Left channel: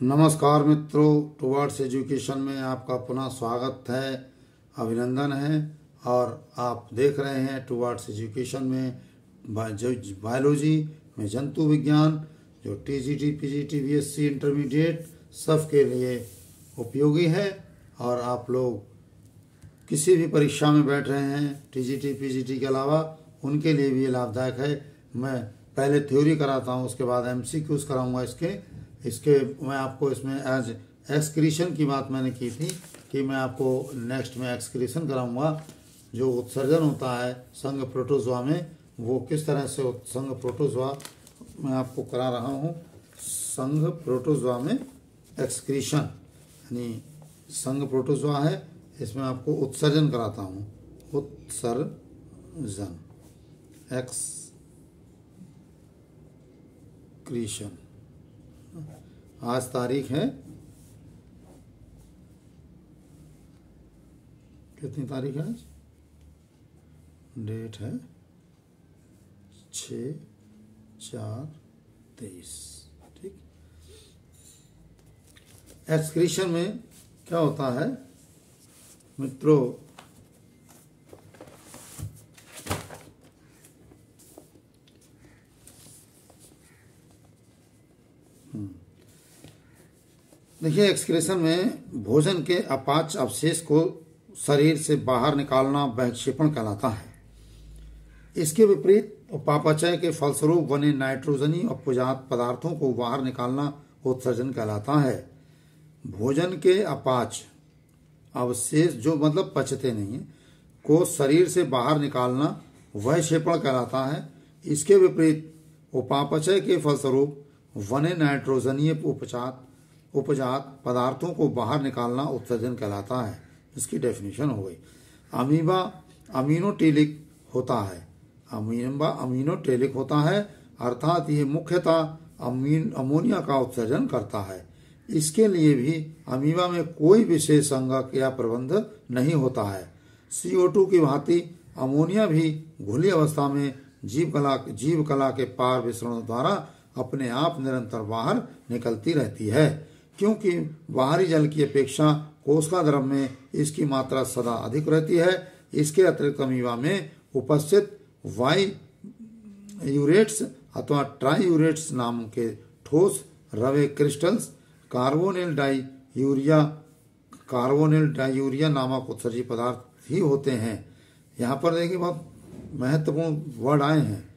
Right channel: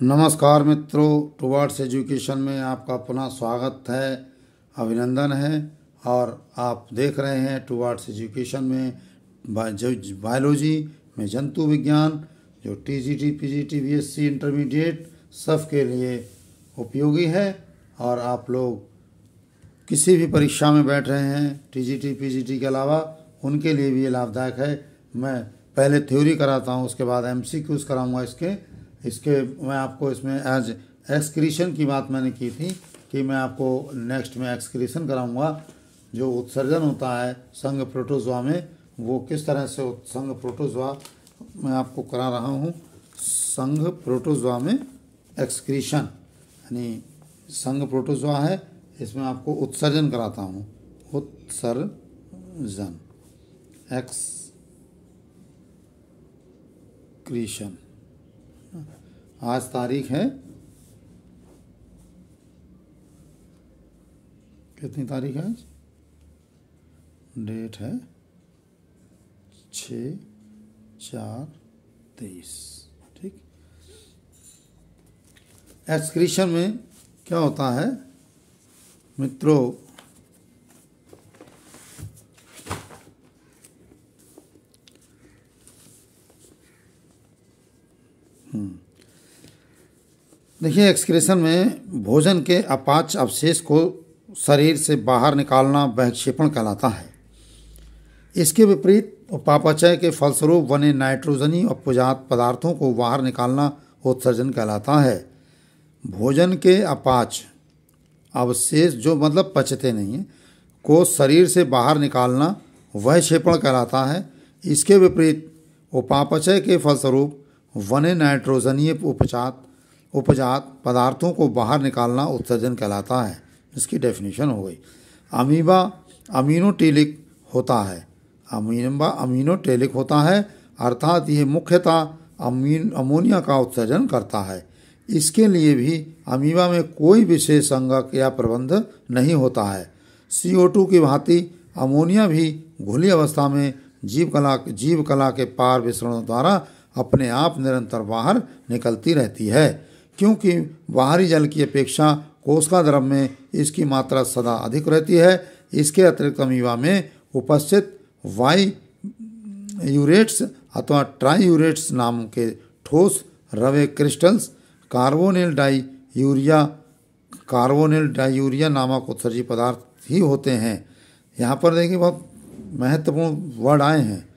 नमस्कार मित्रों, towards education में आपका पुनः स्वागत है, अभिनंदन है। और आप देख रहे हैं टुवर्ड्स एजुकेशन में बायोलॉजी में जंतु विज्ञान, जो टीजीटी, पीजीटी, बीएससी इंटरमीडिएट सबके लिए उपयोगी है। और आप लोग किसी भी परीक्षा में बैठ रहे हैं टीजीटी, पीजीटी के अलावा, उनके लिए भी ये लाभदायक है। मैं पहले थ्योरी कराता हूँ, उसके बाद एमसीक्यूज कराऊंगा इसके मैं आपको इसमें एज एक्सक्रीशन की बात मैंने की थी कि मैं आपको नेक्स्ट में एक्सक्रीशन कराऊंगा। जो उत्सर्जन होता है संघ प्रोटोजोआ में, वो किस तरह से संघ प्रोटोजोआ मैं आपको करा रहा हूँ। संघ प्रोटोजोआ में एक्सक्रीशन यानी संघ प्रोटोजोआ है, इसमें आपको उत्सर्जन कराता हूँ। उत्सर्जन एक्सक्रीशन। आज तारीख है, कितनी तारीख है आज? डेट है 6/4/23। ठीक। एक्सक्रीशन में क्या होता है मित्रों, देखिए, एक्सक्रीशन में भोजन के अपाच्य अवशेष को शरीर से बाहर निकालना बहिक्षेपण कहलाता है। इसके विपरीत उपापचय के फलस्वरूप बने नाइट्रोजनी और उपजात पदार्थों को बाहर निकालना उत्सर्जन कहलाता है। भोजन के अपाच्य अवशेष, जो मतलब पचते नहीं है, को शरीर से बाहर निकालना बहिक्षेपण कहलाता है। इसके विपरीत उपापचय के फलस्वरूप बने नाइट्रोजनीय उपजात पदार्थों को बाहर निकालना उत्सर्जन कहलाता है। इसकी डेफिनेशन हो गई। अमीबा अमीनोटेलिक होता है। अमीबा अमीनोटेलिक होता है, अर्थात यह मुख्यतः अमोनिया का उत्सर्जन करता है। इसके लिए भी अमीबा में कोई विशेष संगक या प्रबंध नहीं होता है। CO2 की भांति अमोनिया भी घुली अवस्था में जीव कला के पार विसरणों द्वारा अपने आप निरंतर बाहर निकलती रहती है। क्योंकि बाहरी जल की अपेक्षा कोशिका द्रव में इसकी मात्रा सदा अधिक रहती है। इसके अतिरिक्त अमीबा में उपस्थित वाईयूरेट्स अथवा ट्राईयूरेट्स नाम के ठोस रवे क्रिस्टल्स कार्बोनिल डाइयूरिया नामक उत्सर्जी पदार्थ ही होते हैं। यहाँ पर देखिए, बहुत महत्वपूर्ण वर्ड आए हैं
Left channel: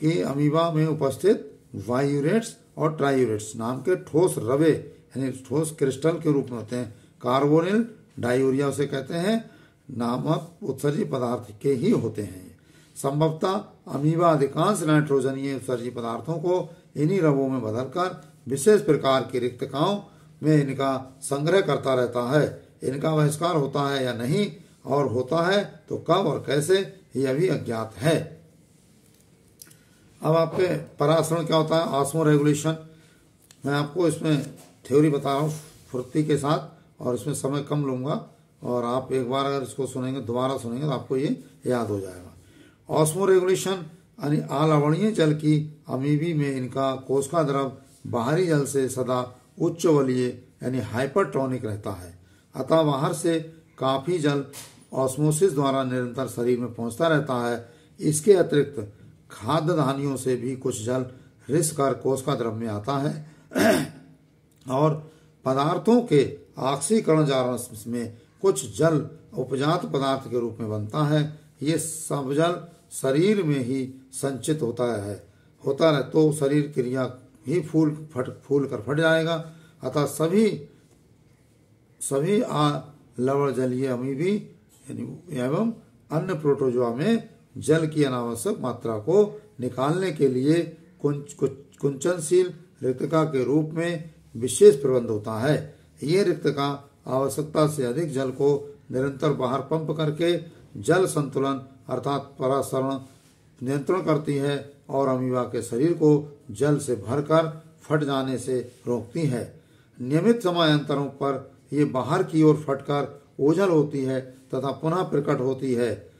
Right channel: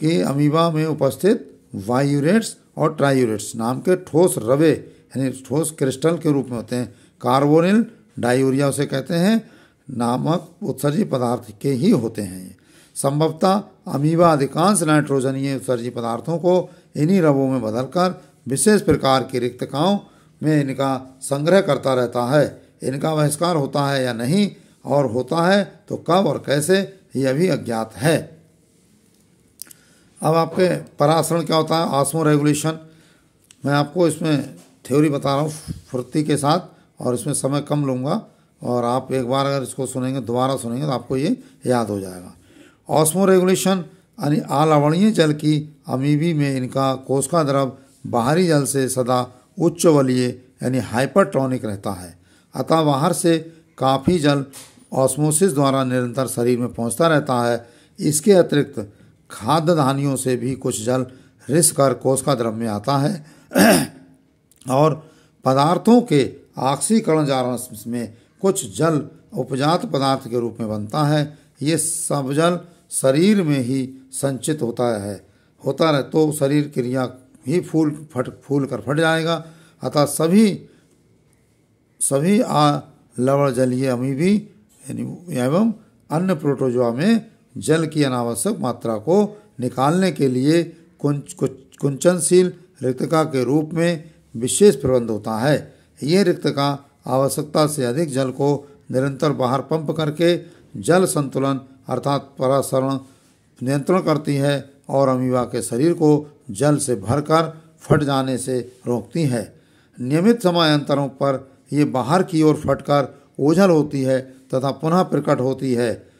कि अमीबा में उपस्थित वाईयूरेट्स और ट्राईयूरेट्स नाम के ठोस रवे यानी ठोस क्रिस्टल के रूप में होते हैं। कार्बोनिल डाइयूरिया उसे कहते हैं, नामक उत्सर्जी पदार्थ के ही होते हैं। संभवतः अमीबा अधिकांश नाइट्रोजनीय उत्सर्जी पदार्थों को इन्हीं रवों में बदलकर विशेष प्रकार की रिक्तकाओं में इनका संग्रह करता रहता है। इनका बहिष्कार होता है या नहीं, और होता है तो कब और कैसे, यह भी अज्ञात है। अब आपके परासरण क्या होता है, ऑस्मो रेगुलेशन। मैं आपको इसमें थ्योरी बता रहा हूँ फुर्ती के साथ, और इसमें समय कम लूँगा, और आप एक बार अगर इसको सुनेंगे, दोबारा सुनेंगे, तो आपको ये याद हो जाएगा। ऑस्मो रेगुलेशन यानी अलवणीय जल की अमीबी में इनका कोशिका द्रव बाहरी जल से सदा उच्च बलीय यानी हाइपरटोनिक रहता है। अतः बाहर से काफ़ी जल ऑस्मोसिस द्वारा निरंतर शरीर में पहुँचता रहता है। इसके अतिरिक्त खाद्य धानियों से भी कुछ जल रिस कर कोशिका द्रव में आता है और पदार्थों के ऑक्सीकरण जारण में कुछ जल उपजात पदार्थ के रूप में बनता है। ये सब जल शरीर में ही संचित होता रहे तो शरीर क्रिया ही फूल कर फट जाएगा। अतः सभी लवण जलीय अमीबी एवं अन्य प्रोटोजोआ में जल की अनावश्यक मात्रा को निकालने के लिए कुंचनशील रिक्तका के रूप में विशेष प्रबंध होता है। ये रिक्तका आवश्यकता से अधिक जल को निरंतर बाहर पंप करके जल संतुलन अर्थात परासरण नियंत्रण करती है और अमीबा के शरीर को जल से भरकर फट जाने से रोकती है। नियमित समयांतरों पर ये बाहर की ओर फटकर ओझल होती है तथा पुनः प्रकट होती है।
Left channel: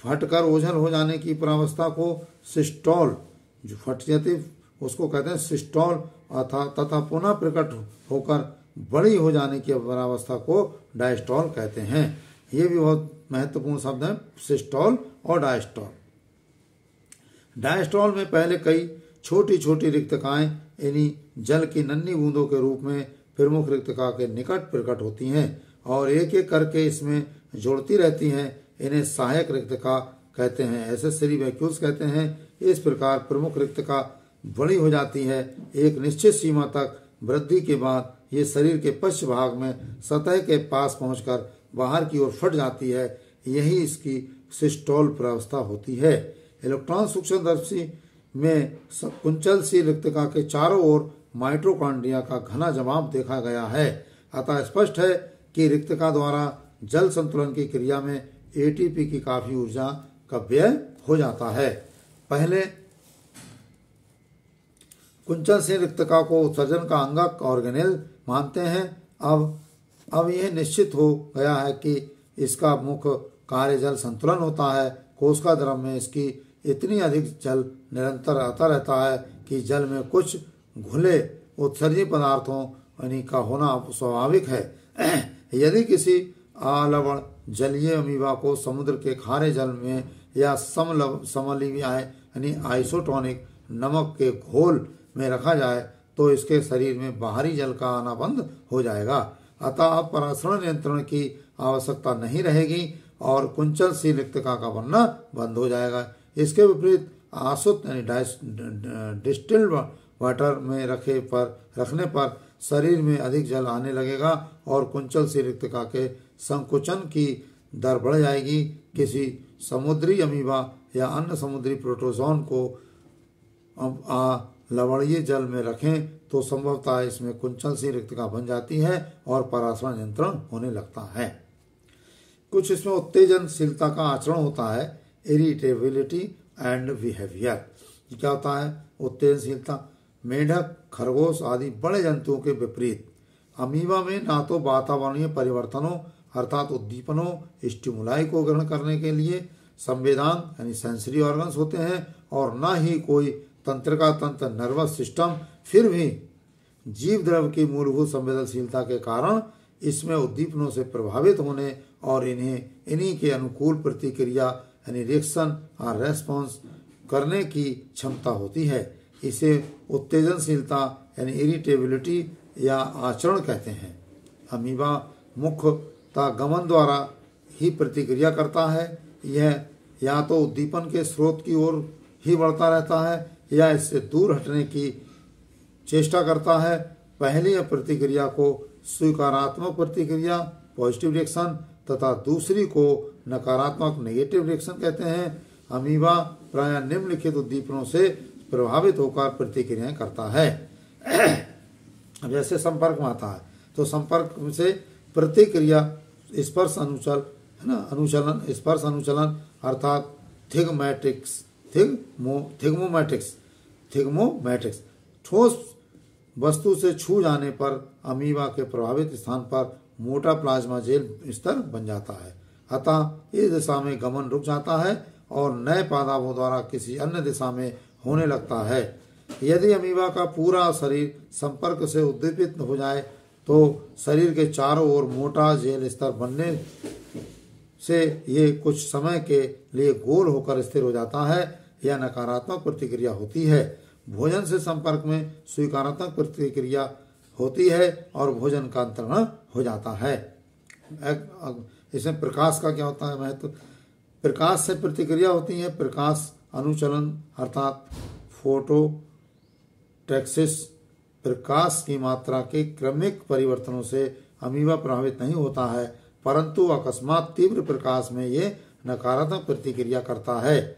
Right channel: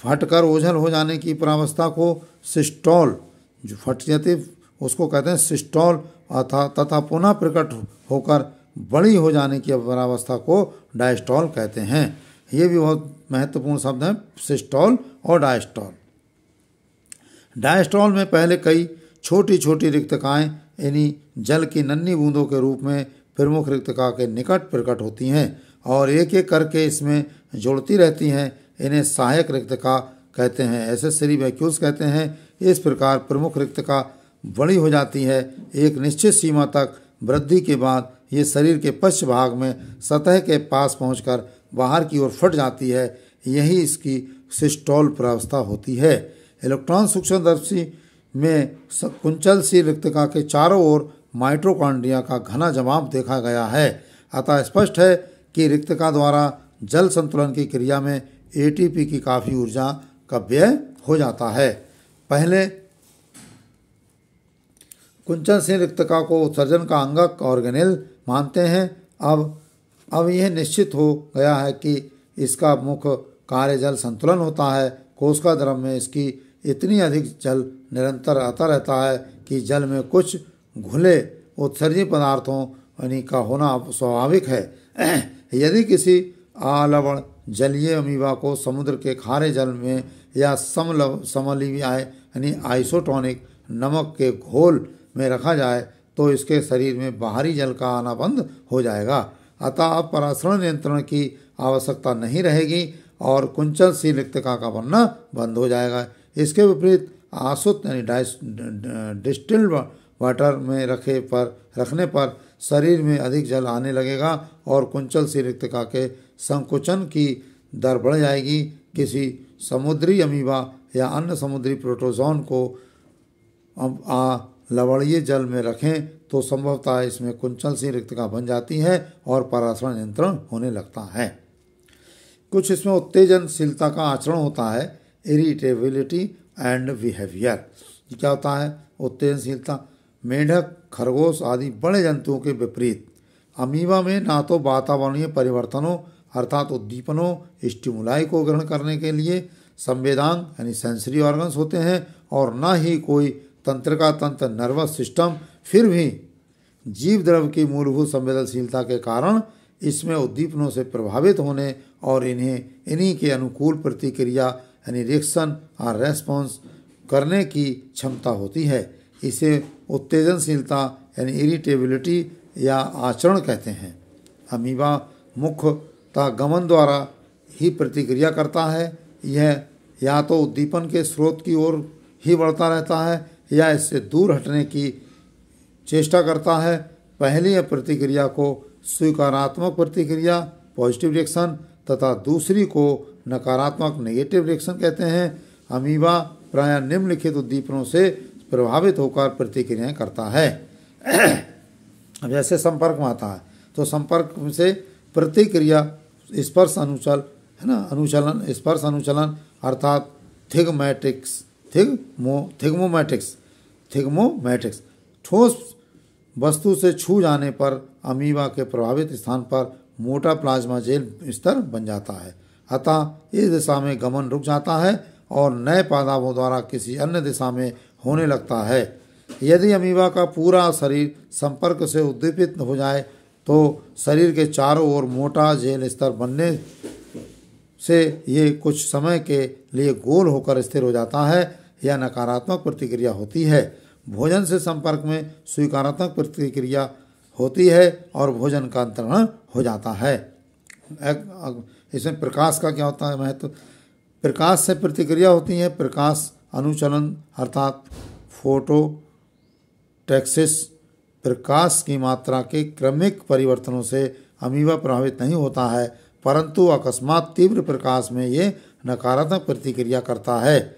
फटकर ओझल हो जाने की प्रावस्था को सिस्टोल, जो फट जाती उसको कहते हैं सिस्टोल तथा पुनः प्रकट होकर बड़ी हो जाने की अवस्था को डायस्टॉल कहते हैं। ये भी बहुत महत्वपूर्ण शब्द हैं, सिस्टोल और डायस्टॉल। डायस्टॉल में पहले कई छोटी छोटी रिक्तकाएं यानी जल की नन्ही बूंदों के रूप में प्रमुख रिक्तका के निकट प्रकट होती हैं और एक एक करके इसमें जुड़ती रहती हैं। इन्हें सहायक रिक्तका कहते हैं, एसेसरी वैक्यूल्स कहते हैं। इस प्रकार प्रमुख रिक्तका बड़ी हो जाती है। एक निश्चित सीमा तक वृद्धि के बाद ये शरीर के पश्च भाग में सतह के पास पहुंचकर बाहर की ओर फट जाती है। यही इसकी सिस्टोल प्रावस्था होती है। इलेक्ट्रॉन सूक्ष्मदर्शी में कुंचल सी रिक्तका के चारों ओर माइटोकॉन्ड्रिया का घना जमाव देखा गया है। अतः स्पष्ट है कि रिक्तका द्वारा जल संतुलन की क्रिया में एटीपी की काफी ऊर्जा का व्यय हो जाता है। पहले कुंचल से रिक्तका को उत्सर्जन का अंगक ऑर्गेनेल मानते हैं। अब यह निश्चित हो गया है कि इसका मुख्य कार्य जल संतुलन होता है। कोशिका द्रव में इसकी इतनी अधिक जल निरंतर आता रहता है कि जल में कुछ घुले उत्सर्जी पदार्थों यानी का होना स्वाभाविक है। यदि किसी आलवण जलीय अमीबा को समुद्र के खारे जल में या समलवीय यानी आइसोटोनिक नमक के घोल में रखा जाए तो इसके शरीर में बाहरी जल का आना बंद हो जाएगा। अतः अब परासरण नियंत्रण की आवश्यकता नहीं रहेगी और कुंचल सी रिक्तका का बनना बंद हो जाएगा। इसके विपरीत आसुत यानी डिस्टिल्ड वाटर में रखने पर शरीर में अधिक जल आने लगेगा और कुंचल सी रिक्तका के संकुचन की दर बढ़ जाएगी। किसी समुद्री अमीबा या अन्य समुद्री प्रोटोजोन को लवणीय जल में रखें तो संभवतः इसमें कुंचल सी रिक्तका बन जाती है और परासरण नियंत्रण होने लगता है। कुछ इसमें उत्तेजनशीलता का आचरण होता है, इरिटेबिलिटी एंड बिहेवियर। क्या होता है उत्तेजनशीलता? मेढक, खरगोश आदि बड़े जंतुओं के विपरीत अमीबा में ना तो वातावरणीय परिवर्तनों अर्थात उद्दीपनों स्टिमुलाई को ग्रहण करने के लिए संवेदांग यानी सेंसरी ऑर्गन्स होते हैं और न ही कोई तंत्रिका तंत्र नर्वस सिस्टम। फिर भी जीव द्रव की मूलभूत संवेदनशीलता के कारण इसमें उद्दीपनों से प्रभावित होने और इन्हीं के अनुकूल प्रतिक्रिया यानी रिएक्शन और रेस्पॉन्स करने की क्षमता होती है। इसे उत्तेजनशीलता यानी इरिटेबिलिटी या आचरण कहते हैं। अमीबा मुख्यतः गमन द्वारा ही प्रतिक्रिया करता है। यह या तो उद्दीपन के स्रोत की ओर ही बढ़ता रहता है या इससे दूर हटने की चेष्टा करता है। पहली प्रतिक्रिया को स्वीकारात्मक प्रतिक्रिया पॉजिटिव रिएक्शन तथा दूसरी को नकारात्मक नेगेटिव रिएक्शन कहते हैं। अमीबा प्रायः निम्नलिखित उद्दीपनों से प्रभावित होकर प्रतिक्रियाएं करता है। अब जैसे संपर्क में आता है तो संपर्क से प्रतिक्रिया स्पर्श अनुचल है ना, अनुचलन स्पर्श अनुचलन अर्थात थिग्मोमैटिक्स ठोस वस्तु से छू जाने पर अमीबा के प्रभावित स्थान पर मोटा प्लाज्मा जेल स्तर बन जाता है। अतः इस दिशा में गमन रुक जाता है और नए पादापों द्वारा किसी अन्य दिशा में होने लगता है। यदि अमीबा का पूरा शरीर संपर्क से उद्दीपित हो जाए तो शरीर के चारों ओर मोटा जेल स्तर बनने से ये कुछ समय के लिए गोल होकर स्थिर हो जाता है। यह नकारात्मक प्रतिक्रिया होती है। भोजन से संपर्क में स्वीकारात्मक प्रतिक्रिया होती है और भोजन का अंतरण हो जाता है। इसमें प्रकाश का क्या होता है महत्व? प्रकाश से प्रतिक्रिया होती है। प्रकाश अनुचलन अर्थात फोटोटैक्सिस प्रकाश की मात्रा के क्रमिक परिवर्तनों से अमीबा प्रभावित नहीं होता है, परंतु अकस्मात तीव्र प्रकाश में ये नकारात्मक प्रतिक्रिया करता है।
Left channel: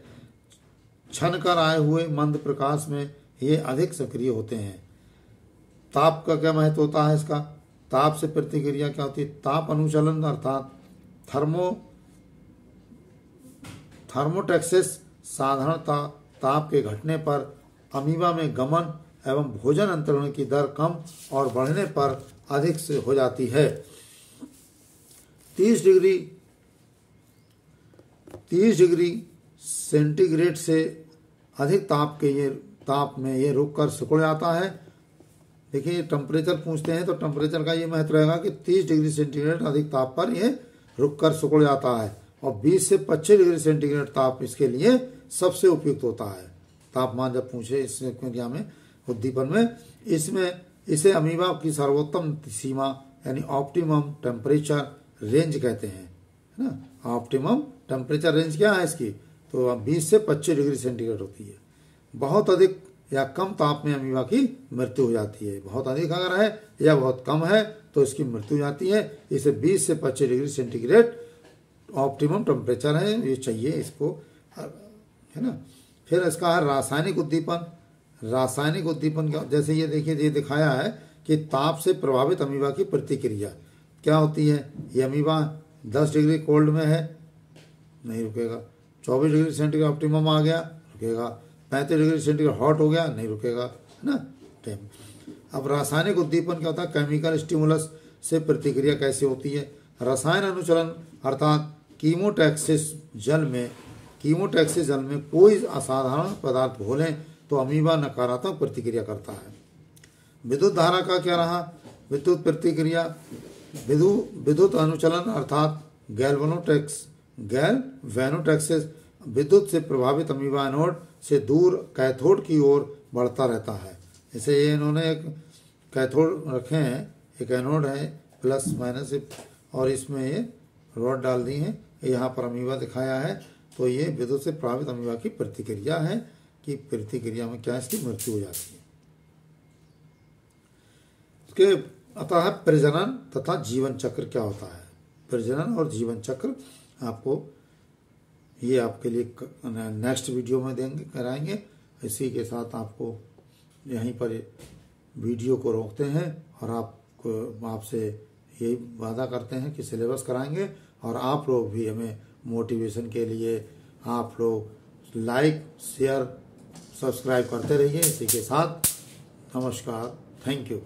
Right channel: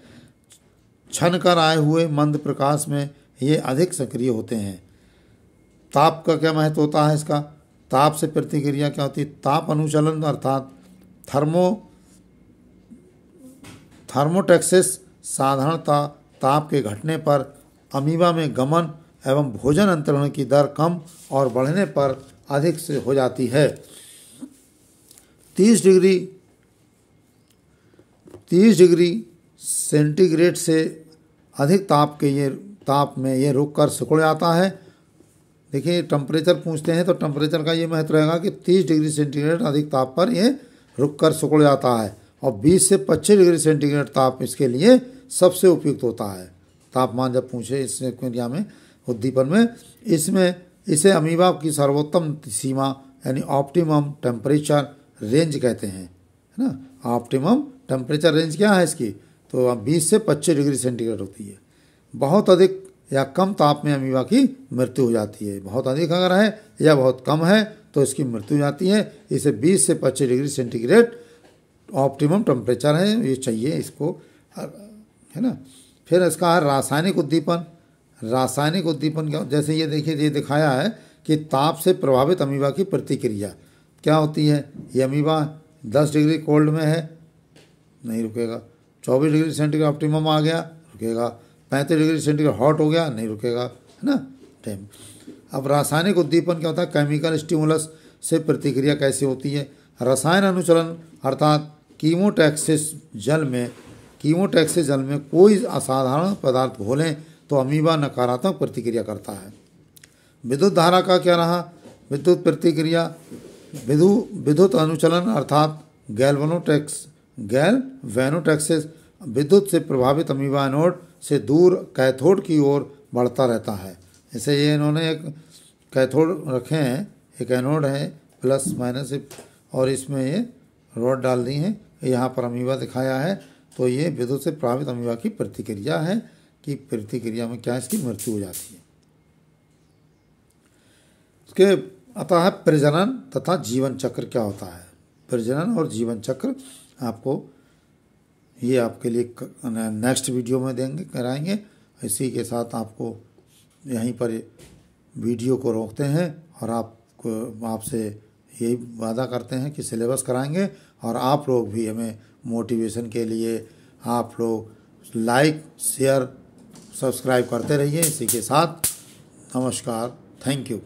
छन कर आए हुए मंद प्रकाश में ये अधिक सक्रिय होते हैं। ताप का क्या महत्व होता है इसका? ताप से प्रतिक्रिया क्या होती है? ताप अनुचलन अर्थात थर्मोटैक्सिस साधारणतः ताप के घटने पर अमीबा में गमन एवं भोजन अंतरण की दर कम और बढ़ने पर अधिक से हो जाती है। 30 डिग्री सेंटीग्रेड से अधिक ताप में ये रुक कर सिकुड़ जाता है देखिए टेम्परेचर पूछते हैं तो टेम्परेचर का ये महत्व रहेगा कि 30 डिग्री सेंटीग्रेड अधिक ताप पर ये रुक कर सिकुड़ जाता है और 20 से 25 डिग्री सेंटीग्रेड ताप इसके लिए सबसे उपयुक्त होता है। तापमान जब पूछे इस क्रिया में उद्दीपन में, इसमें इसे अमीबा की सर्वोत्तम सीमा यानी ऑप्टिमम टेम्परेचर रेंज कहते हैं, है ना। ऑप्टिमम टेम्परेचर रेंज क्या है इसकी, तो 20 से 25 डिग्री सेंटीग्रेड होती है। बहुत अधिक या कम ताप में अमीबा की मृत्यु हो जाती है। बहुत अधिक अगर है या बहुत कम है तो इसकी मृत्यु हो जाती है। इसे 20 से 25 डिग्री सेंटीग्रेड ऑप्टिमम टेम्परेचर है, ये चाहिए इसको, है ना। फिर इसका है रासायनिक उद्दीपन। रासायनिक उद्दीपन क्या, जैसे ये देखिए ये दिखाया है कि ताप से प्रभावित अमीबा की प्रतिक्रिया क्या होती है। ये अमीबा 10 डिग्री कोल्ड में है, नहीं रुकेगा। 24 डिग्री सेंटीग्रेड ऑप्टिमम आ गया, रुकेगा। 35 डिग्री सेंटीग्रेड हॉट हो गया, नहीं रुकेगा, है ना। टाइम। अब रासायनिक उद्दीपन क्या होता है, केमिकल स्टिमुलस से प्रतिक्रिया कैसे होती है। रसायन अनुचलन अर्थात कीमोटैक्सिस जल में कोई असाधारण पदार्थ घोलें तो अमीबा नकारात्मक प्रतिक्रिया करता है। विद्युत धारा का क्या रहा, विद्युत प्रतिक्रिया, विद्युत अनुचलन अर्थात गैल्वेनोटैक्सिस विद्युत से प्रभावित अमीबा एनोड से दूर कैथोड की ओर बढ़ता रहता है। जैसे ये इन्होंने एक कैथोड रखे हैं, एक एनोड है प्लस माइनस और इसमें ये रॉड डाल दी है, यहाँ पर अमीबा दिखाया है। तो ये विद्युत से प्रभावित अमीबा की प्रतिक्रिया है कि प्रतिक्रिया में क्या इसकी मृत्यु हो जाती है। उसके अतः प्रजनन तथा जीवन चक्र क्या होता है। प्रजनन और जीवन चक्र आपको ये आपके लिए नेक्स्ट वीडियो में कराएंगे। इसी के साथ आपको यहीं पर वीडियो को रोकते हैं और आपसे यही वादा करते हैं कि सिलेबस कराएंगे और आप लोग भी हमें मोटिवेशन के लिए आप लोग लाइक शेयर सब्सक्राइब करते रहिए। इसी के साथ नमस्कार, थैंक यू।